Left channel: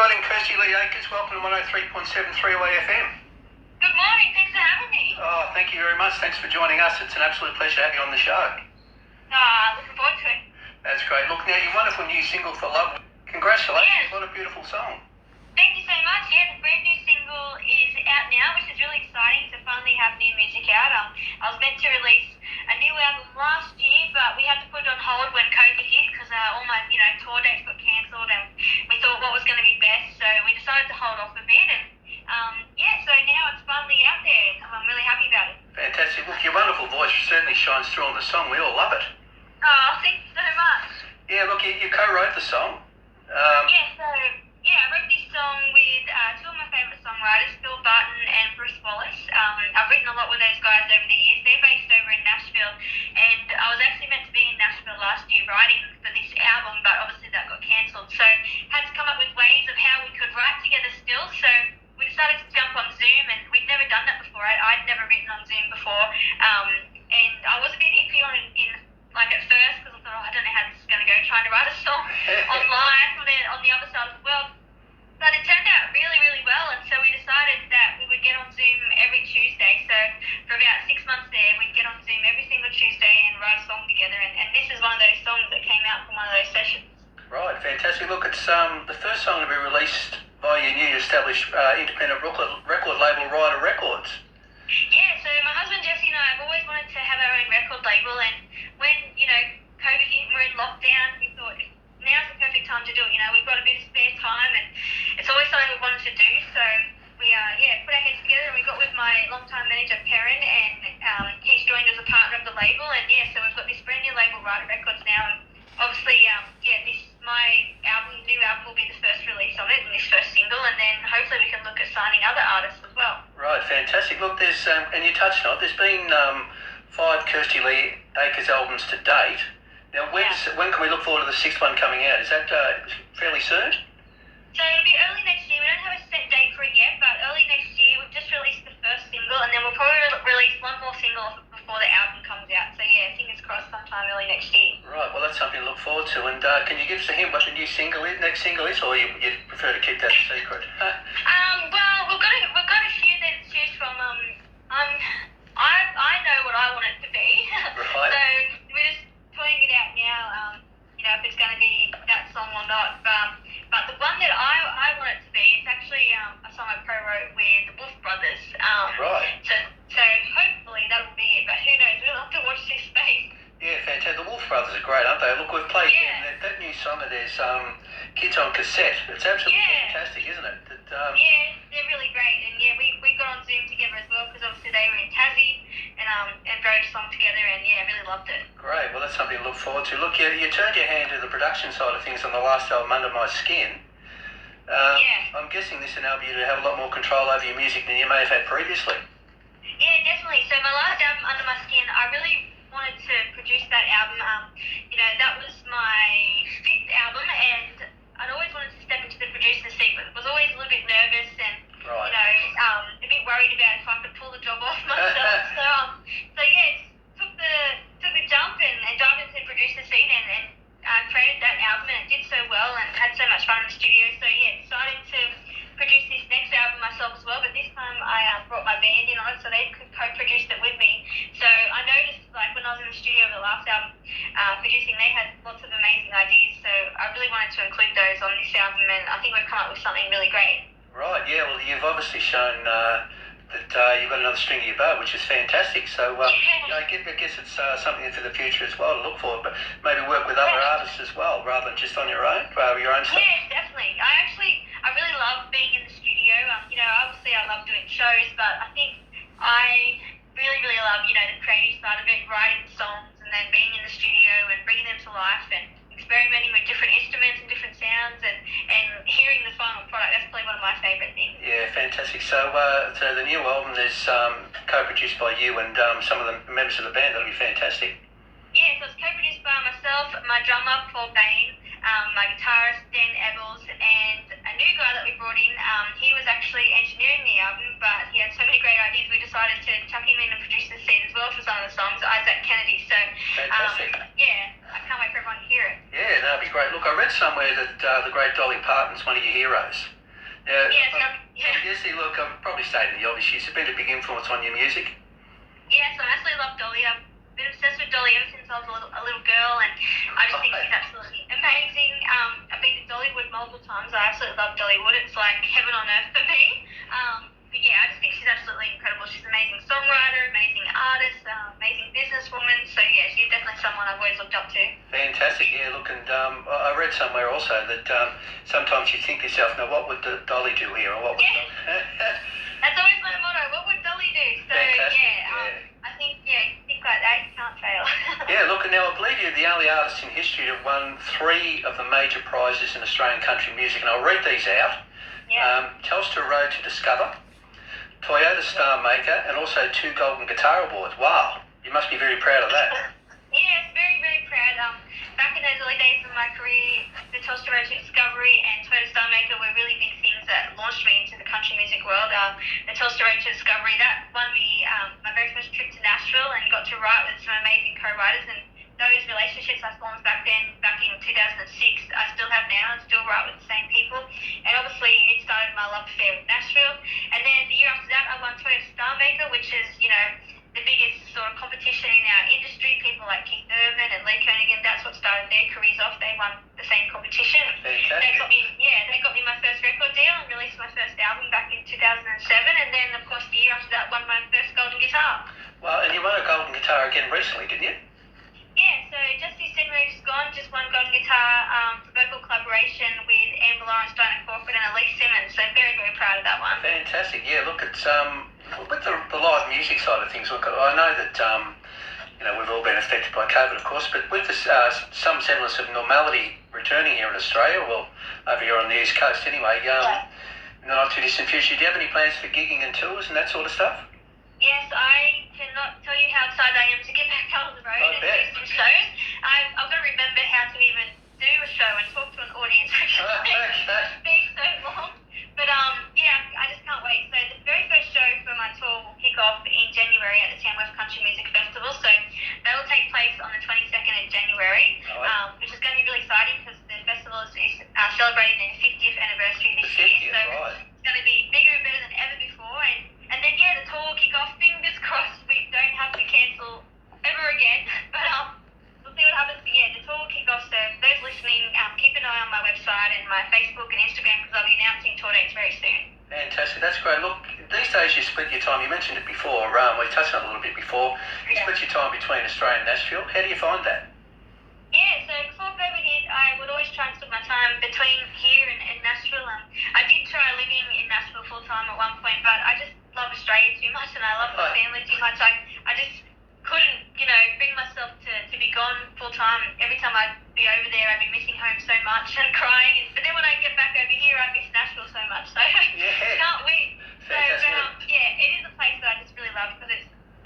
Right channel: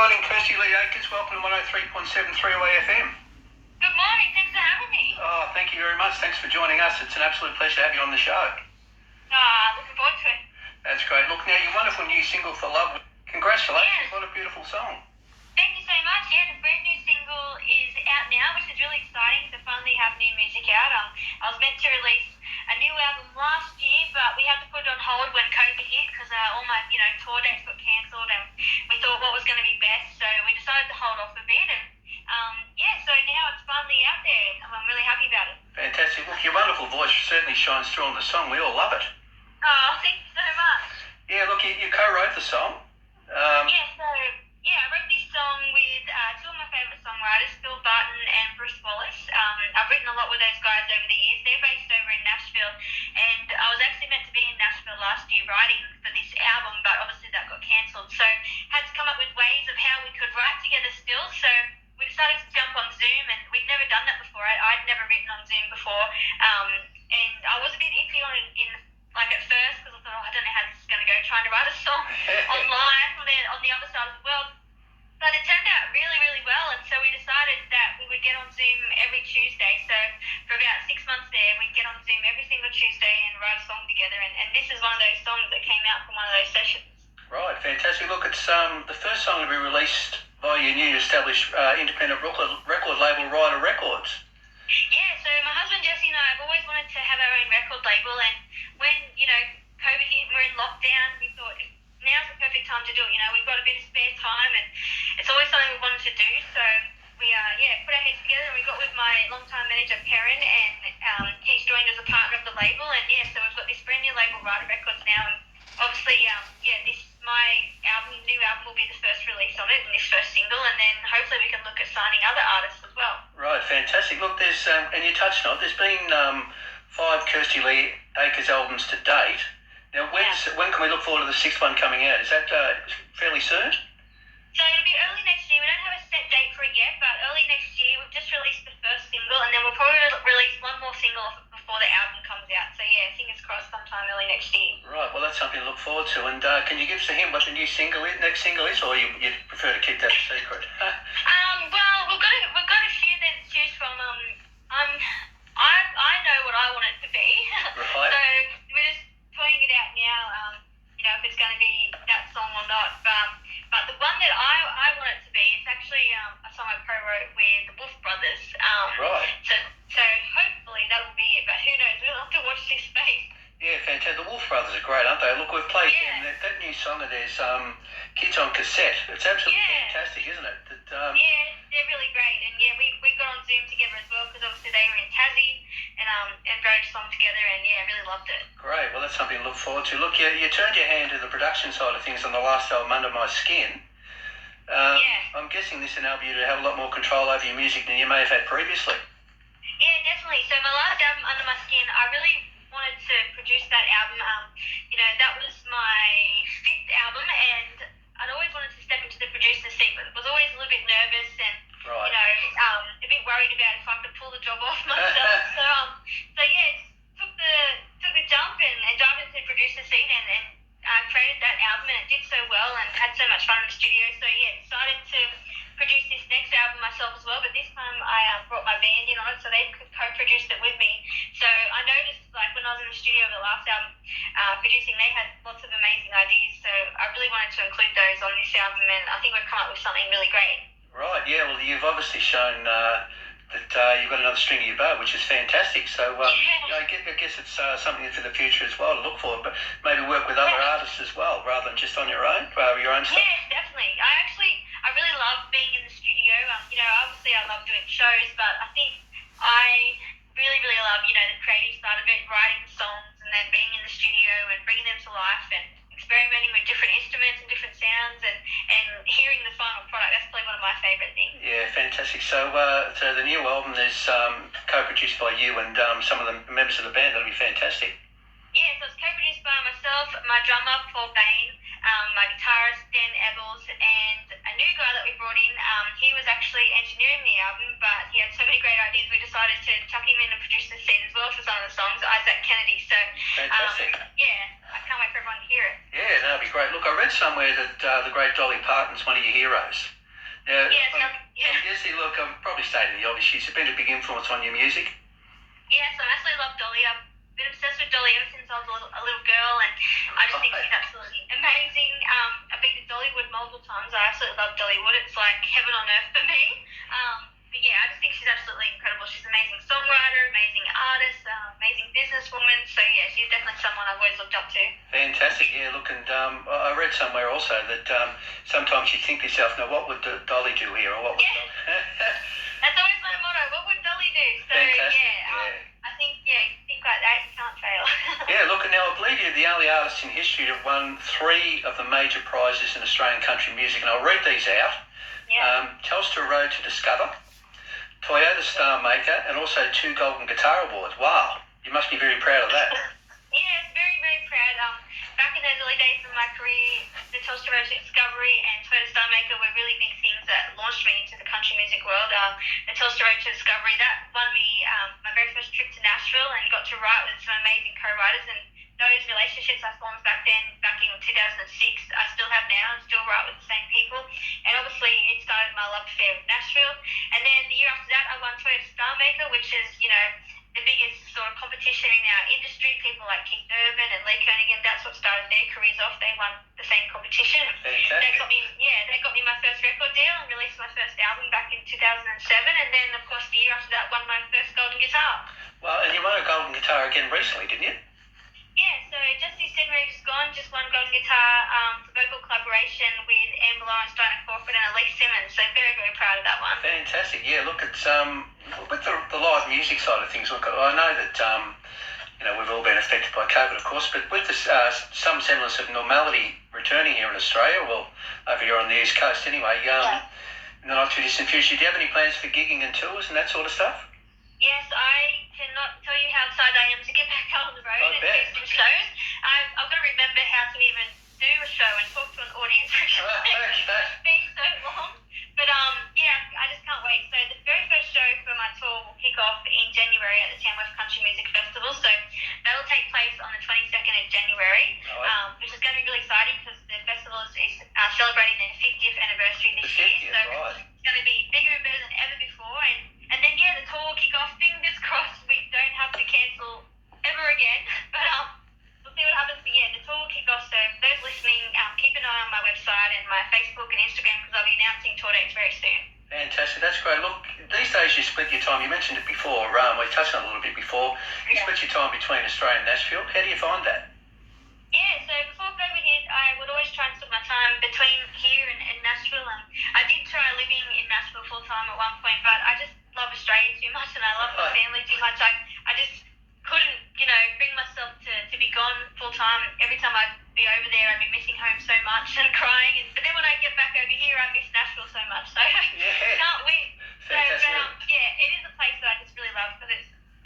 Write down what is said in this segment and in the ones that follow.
morning, Kirsty Lee Akers. Welcome to 103.7 3WAY-FM. Good morning. Thanks for having me. Oh, thank you very much. Thanks for joining us. It's an absolute pleasure to have you on the show. Looking forward to it. That's great. Look, now, your wonderful new single, For Love. Congratulations. Yes. What a beautiful song. Thank you so much. Yeah, the brand new single is out now, which is really exciting to finally have new music out. I was meant to release a new album last year, but we had to put it on hold when COVID hit because all my, tour dates got cancelled, and we thought what was going to be best, so we decided to hold off a bit, and so now it's finally out there. I'm really happy about it. Fantastic. Look, your wonderful voice certainly shines through on the song. We all love it. Oh, thank you so much. Yeah, look, you co-wrote the song. I wrote this song with two of my favourite songwriters, Phil Barton and Bruce Wallace. I've written a lot with those guys over the years. They're based over in Nashville, and I was actually meant to be in Nashville last year writing for this album, but obviously that got cancelled. So had to come up with ways of how we could write together still. So we decided to jump on Zoom, and we'd never done that before. I'd never written on Zoom before, and I was a bit iffy on it at first because I thought, I don't know how this is going to go, trying to write a song online on the other side of the world. But it turned out really, really well, and so we decided that we would get on Zoom every Tuesday. So for about 6 months there, we'd get on Zoom every single Tuesday and write a song together, and this is one of those songs that came out from one of those sessions. Right, fantastic. Look, it's the first song to be released by your new established independent record label, Ryder Records. Yeah, so my husband Jesse and I have always wanted to have our own record label, and when, COVID hit and we're in lockdown, we thought now's the perfect time to do it. We've got a bit of spare time, and it's always something we wanted to do, so we put our heads together, and we got with my longtime manager Perrin, and he's joined as a partner of the label, and so we've got this brand new label, Ryder Records, now, and obviously new album will be the first release of it, and this first single, and then hopefully we can look at signing other artists as well. Right, fantastic. Look, there's and you touched on it, there's been 5 Kirsty Lee Akers albums to date. Now, when can we look forward to the 6th one coming out? Is that fairly soon? So it'll be early next year. We don't have a set date for it yet, but early next year we've just released the first single, and then we'll probably release one more single before the album comes out. So fingers crossed sometime early next year. Right, well that's something to look forward to. And can you give us a hint what the new next single is, or you prefer to keep that a secret? Well, we've got a few that to choose from. I know what I want it to be. Right. So we're just putting it out now. If it's going to be that song or not. But the one that I want it to be is actually a song I co-wrote with the Wolf Brothers. Right. So hopefully that'll be it. But who knows? We'll have to watch this space. Yeah, fantastic. The Wolf Brothers are great, aren't they? Look, we've played that new song of theirs, Kids on Cassette. It's absolutely fantastic, isn't it? They're really great. And we got on Zoom together as well because obviously they were in Tassie and wrote a song together, and really loved it. Great. Well, that's something to look forward to. Look, you turned your hand to the production side of things on the last album, Under My Skin. I'm guessing this enabled you to have a lot more control over your music than you may have had previously. Yeah, definitely. So my last album, Under My Skin, I really wanted to produce that album. That was my 5th album, and I'd always wanted to step into the producer's seat, but was always a little bit nervous and, a bit worried about if I could pull the job off myself. Took the jump and dived into the producer's seat and created that album, and it did so well and had so much fun in the studio. So decided to produce this next album myself as well, but this time I brought my band in on it, so they co-produced it with me. So I noticed, when I was in the studio with the last album producing, they had lots of amazing ideas, so I really wanted to include those on this album, and I think we've come up with something really great. Right, yeah, well, you've obviously shown that you've got another string to your bow, which is fantastic. So, I guess it's something for the future as well to look for, but maybe work with other artists as well, rather than just on your own stuff. Yeah, definitely. I really love being in the studio. Obviously I love doing shows, but I think I really, really love, the creative side of it, writing songs and then being in the studio and bringing them to life and experimenting with different instruments and different sounds and hearing the final product. That's probably one of my favourite things. Yeah, fantastic. So the new album is co-produced by you and some of the members of the band. That'll be fantastic. Yeah, so it's co-produced by myself, my drummer, Paul Bain, my guitarist, Dan Ebbels, and a new guy that we brought in. He was actually engineering the album, but he had so many great ideas, we decided to chuck him in and produce the scene as well for some of the songs, Isaac Kennedy. So, fantastic. I can't wait for everyone to hear it. Yeah, that'll be great. Look, I read somewhere that the great Dolly Parton's one of your heroes. Now, Yes, yeah. Kirsty, look, I'm probably stating the obvious. She's been a big influence on your music. Yes, I absolutely love Dolly. I've been obsessed with Dolly ever since I was a little girl, and I just think she's absolutely amazing. I've been to Dollywood multiple times. I absolutely love Dollywood. It's like heaven on earth for me. But yeah, I just think she's absolutely incredible. She's an amazing songwriter, amazing artist, amazing businesswoman. So yeah, she's definitely someone I've always looked up to. Fantastic, yeah. Look, and I read somewhere also that sometimes you think to yourself, now what would Dolly do here, or what would Dolly... That's always my motto. What would Dolly do? So Fantastic, I think you think like that, you can't fail. Yeah, look, and now I believe you're the only artist in history to have won 3 of the major prizes in Australian country music, and I'll read these out. Yeah. Telstra Road to Discover, Toyota Star Maker, and also 2 Golden Guitar Awards. Wow, you must be very proud of that. Yes, very, very proud. Back in those early days of my career, the Telstra Road to Discovery and Toyota Star Maker were really big things that launched me into the country music world. The Telstra Road to Discovery, that won me my very first trip to Nashville, and got to write with some amazing co-writers, and those relationships I formed back in 2006, I still have now, and still write with the same people. And obviously it started my love affair with Nashville. And then the year after that, I won Toyota Star Maker, which is, the biggest sort of competition in our industry. People like Keith Urban and Lee Kernaghan, that's what started their careers off. They won the same competition. Fantastic. They got me my first record deal and released my first album back in 2007. And then, of course, the year after that, won my first golden guitar. Well, and you won a golden guitar again recently, didn't you? Yeah, so just this January just gone, just won golden guitar for vocal collaboration with Amber Lawrence, Diana Crawford, and Elise Simmons. So very, very proud of that one. Fantastic. Yeah, look, it's with the live music side of things. Look, I know that we've all been affected by COVID, of course, but with this some semblance of normality returning here in Australia, well, over here on the East Coast anyway, in the not too distant future, do you have any plans for gigging and tours and that sort of stuff? Yes, I cannot tell you how excited I am to get back out on the road and do some shows. I've got to remember how to even do a show and talk to an audience. It's been so long. But I just can't wait. So the very first show for my tour will kick off in January at the Tamworth Country Music Festival. So that'll take place on the 22nd of January, which is going to be really exciting because the festival is celebrating their 50th anniversary this year. So it's going to be bigger and better than ever before. And then, the tour will kick off. Fingers crossed we don't have to cancel ever again. But we'll see what happens. But the tour will kick off. So those listening, keep an eye on my website and my Facebook and Instagram, because I'll be announcing tour dates very soon. Fantastic, that's great. Look, these days you split your time, you mentioned it before, we touched on it a little bit before, you split your time between Australia and Nashville. How do you find that? Yeah, so before COVID hit, I would always try and split my time between here and Nashville. And I did try living in Nashville full time at one point, but I just love Australia too much and I love my family too much. I just couldn't, bring myself to be gone full time. Every time I'd be over there, I'd be missing home so much and crying. But then when I get back over here, I miss Nashville so much. So can't wait. Fantastic. It is a place that I just really love because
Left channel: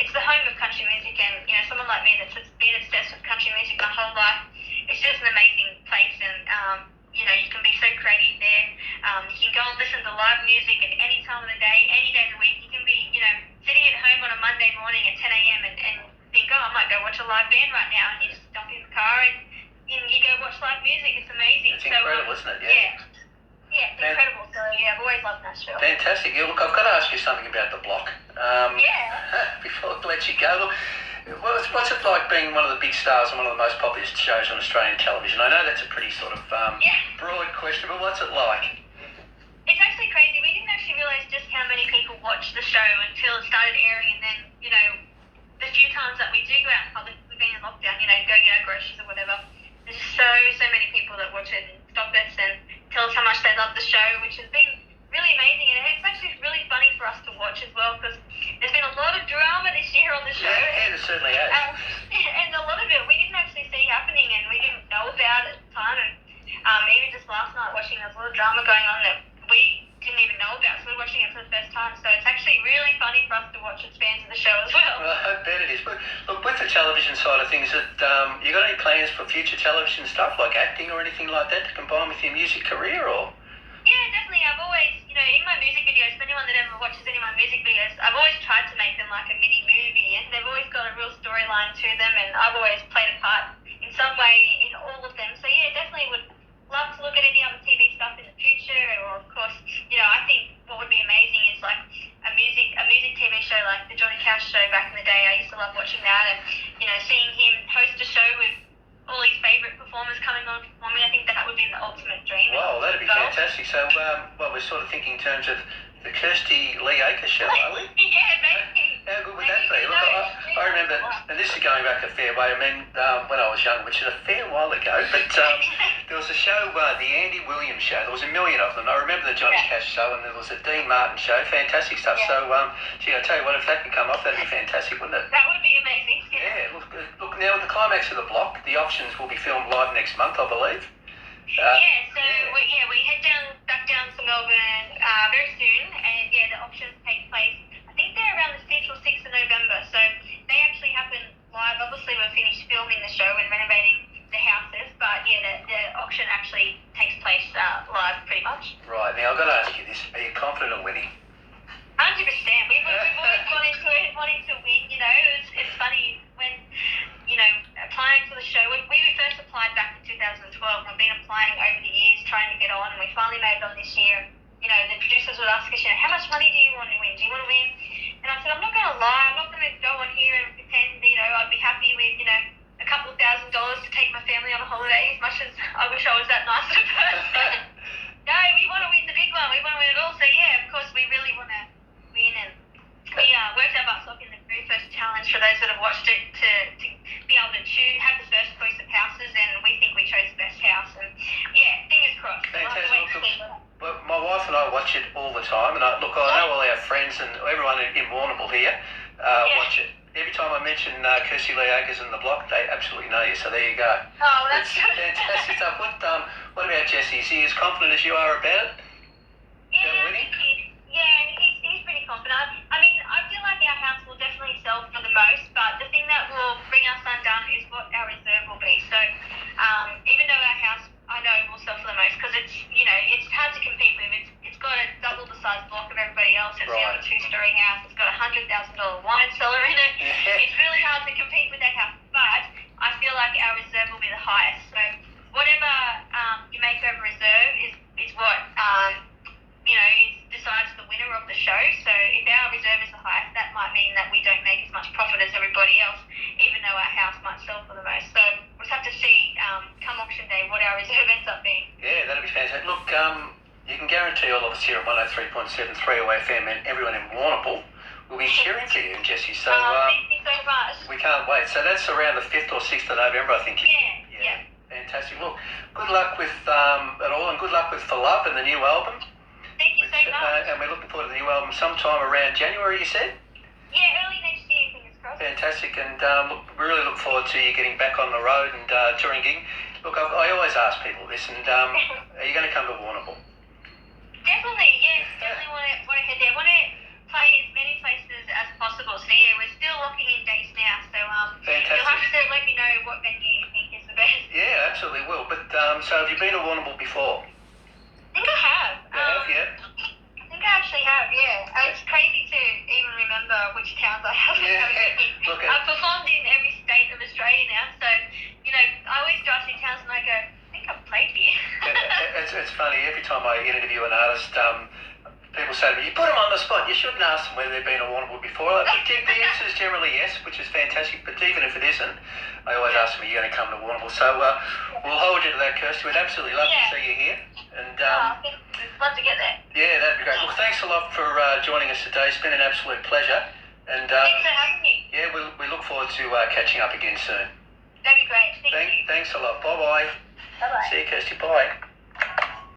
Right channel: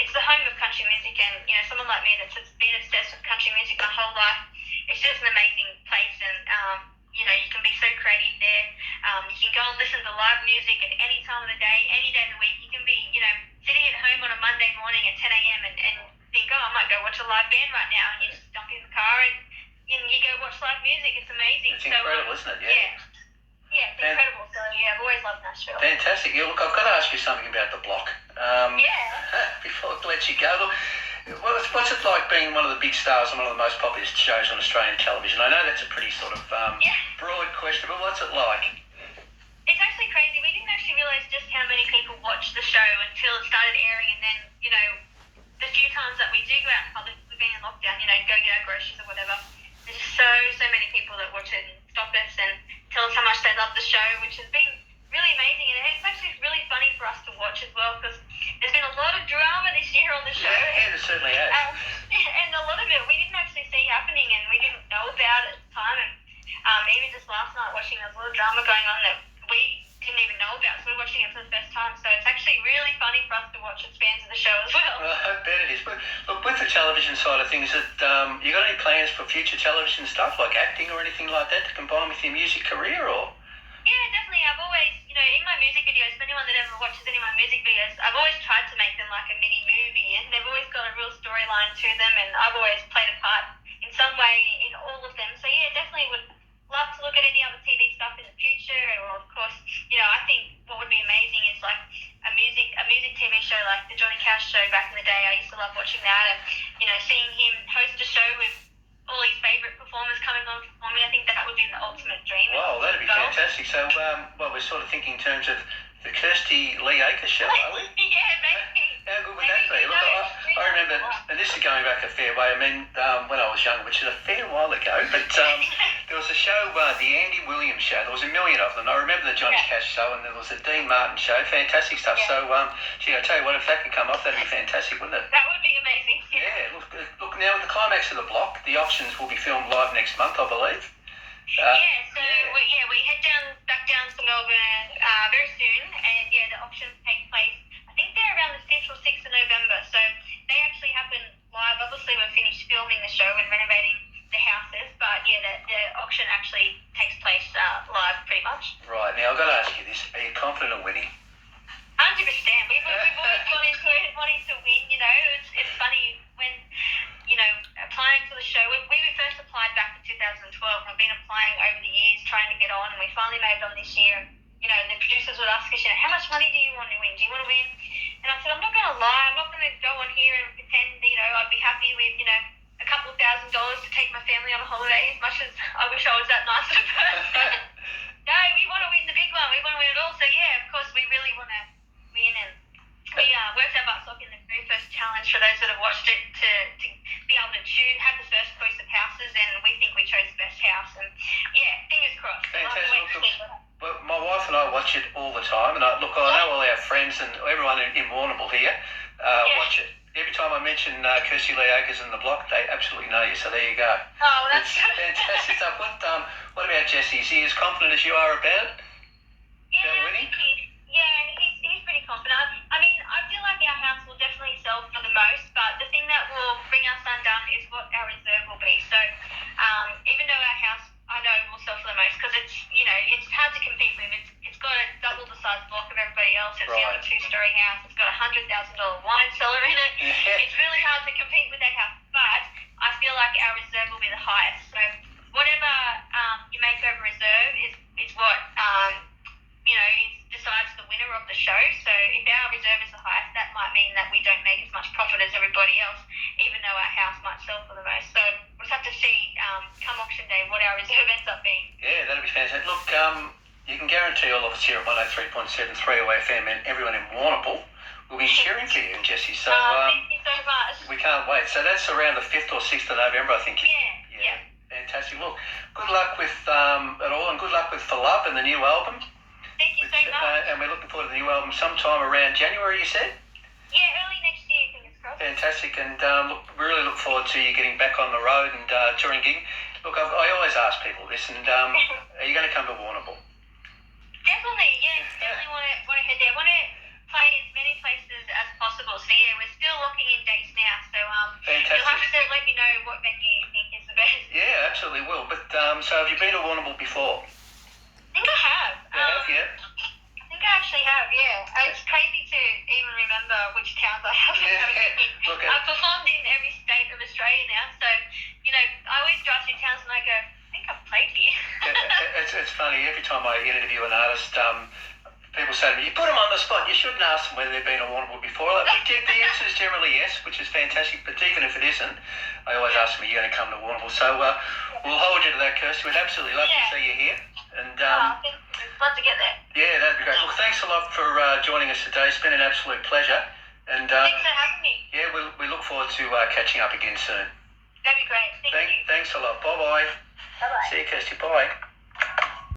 it's the home of country music, and someone like me that's been obsessed with country music my whole life, it's just an amazing place. And you can be so creative there. You can go and listen to live music at any time of the day, any day of the week. You can be sitting at home on a Monday morning at 10 a.m. and think, I might go watch a live band right now, and you just jump in the car and you go watch live music. It's amazing. It's incredible, isn't it? Yeah, it's incredible. So I've always loved Nashville. Fantastic. Yeah, look, I've got to ask you something about the block. Before I let you go, look, what's it like being one of the big stars on one of the most popular shows on Australian television? I know that's a pretty sort of broad question, but what's it like? It's actually crazy. We didn't actually realise just how many people watch the show until it started airing, and then, the few times that we do go out in public, we've been in lockdown, go get our groceries or whatever, there's just so many people that watch it and stop us and tell us how much they love the show, which has been really amazing. And it's actually really funny for us to watch as well, because there's been a lot of drama this year on the show. Yeah, there certainly has. And a lot of it we didn't actually see happening, and we didn't know about it at the time. And even just last night watching, there's a lot of drama going on that we didn't even know about, so we're watching it for the first time. So it's actually really funny for us to watch as fans of the show as well. Well, I bet it is. But look, with the television side of things, you got any plans for future television stuff, like acting or anything like that, to combine with your music career, or? Yeah, definitely. I've always, in my music videos, for anyone that ever watches any of my music videos, I've always tried to make them like a mini movie, and they've always got a real storyline to them, and I've always played a part in some way in all of them. them. So yeah, definitely would love to look at any other TV stuff in the future. Or of course, I think what would be amazing is like a music TV show like the Johnny Cash show back in the day. I used to love watching that, and seeing him host a show with all his favourite performers coming on performing. I think that would be the ultimate dream. Wow, that'd be fantastic. So, we're sort of thinking in terms of the Kirsty Lee Akers show, are we? Yeah, maybe. How good would that be? Look, I remember, and this is going back a fair way. I mean, when I was young, which is a fair while ago, but there was a show, the Andy Williams show. There was a million of them. I remember the Johnny Cash show, and there was a Dean Martin show. Fantastic stuff. Yeah. So, gee, I tell you what, if that could come off, that'd be fantastic, wouldn't it? That would be amazing. Yeah. Look, now with the climax of the block, the auctions will be filmed live next month, I believe. We head back down to Melbourne very soon, and the auctions take place. I think they're around the 5th or 6th of November, so they actually happen live. Obviously, we've finished filming the show and renovating the houses, but the auction actually takes place live pretty much. Right, now I've got to ask you this: are you confident of winning? 100%. We've always gone into it wanting to win. It's funny when applying for the show. We first applied back in 2012. I've been applying over the years, trying to get on, and we finally made it on this year. The producers would ask us, how much money do you want to win? Do you want to win? And I said, I'm not going to lie. I'm not going to go on here and pretend, I'd be happy with, a couple of $1,000 to take my family on a holiday, as much as I wish I was that nice of a person. No, we want to win the big one. We want to win it all. So, of course, we really want to win. And we worked our butts off in the very first challenge for those that have watched it to be able to have the first choice of houses, and we think we chose the best house. And, fingers crossed. Fantastic. Well, my wife and I watch it all the time, and I know all our friends and everyone in Warrnambool here watch it. Every time I mention Kirsty Lee Akers in the block, they absolutely know you, so there you go. Oh, that's it's fantastic stuff. What about Jesse? Is he as confident as you are about it? He's pretty confident. I mean, I feel like our house will definitely sell for the most, but the thing that will bring us undone is what our reserve will be. So, even though our house, I know, will sell for the most, because it's hard to compete with. It's got a double the size block of everybody else. It's a 2-story house. It's got a $100,000 wine cellar in it. Yeah. It's really hard to compete with that house, but I feel like our reserve will be the highest. So whatever you make over reserve is what decides the winner of the show. So if our reserve is the highest, that might mean that we don't make as much profit as everybody else, even though our house might sell for the most. So we'll just have to see come auction day what our reserve ends up being. Yeah, that'll be fantastic. Look, you can guarantee all of us here on 103.7 3WAY-FM and everyone in Warrnambool will be cheering for you and Jesse. So thank you so much. We can't wait. So that's around the 5th or 6th of November, I think. Yeah. Fantastic. Look, good luck with it all, and good luck with For Love and the new album. Thank you so much. And we're looking forward to the new album sometime around January, you said? Yeah, early next year, fingers crossed. Fantastic. And we really look forward to you getting back on the road and touring gig. Look, I always ask people this, and are you going to come to Warrnambool? Definitely, yes. Definitely want to head there. Want to play as many places as possible. So we're still locking in dates now. So fantastic. You'll have to let me know what venue you think is the best. Yeah, absolutely will. But so have you been to Warrnambool before? I think I have. You have, yeah? I think I actually have, yeah. It's crazy to even remember which towns I have. Yeah. Okay. I've performed in every state of Australia now, so I always drive through towns and I go, I think I've played here. It's funny, every time I interview an artist, people say to me, you put them on the spot, you shouldn't ask them whether they've been to Warrnambool before. The answer is generally yes, which is fantastic, but even if it isn't, I always ask them, are you going to come to Warrnambool? So we'll hold you to that, Kirsty. We'd absolutely love to see you here. And thank you. Love to get there. Yeah, that'd be great. Well, thanks a lot for joining us today. It's been an absolute pleasure. And thanks for having me. Yeah, we look forward to catching up again soon. That'd be great. Thank you. Thanks a lot. Bye-bye. Bye-bye. See you, Kirsty. Bye.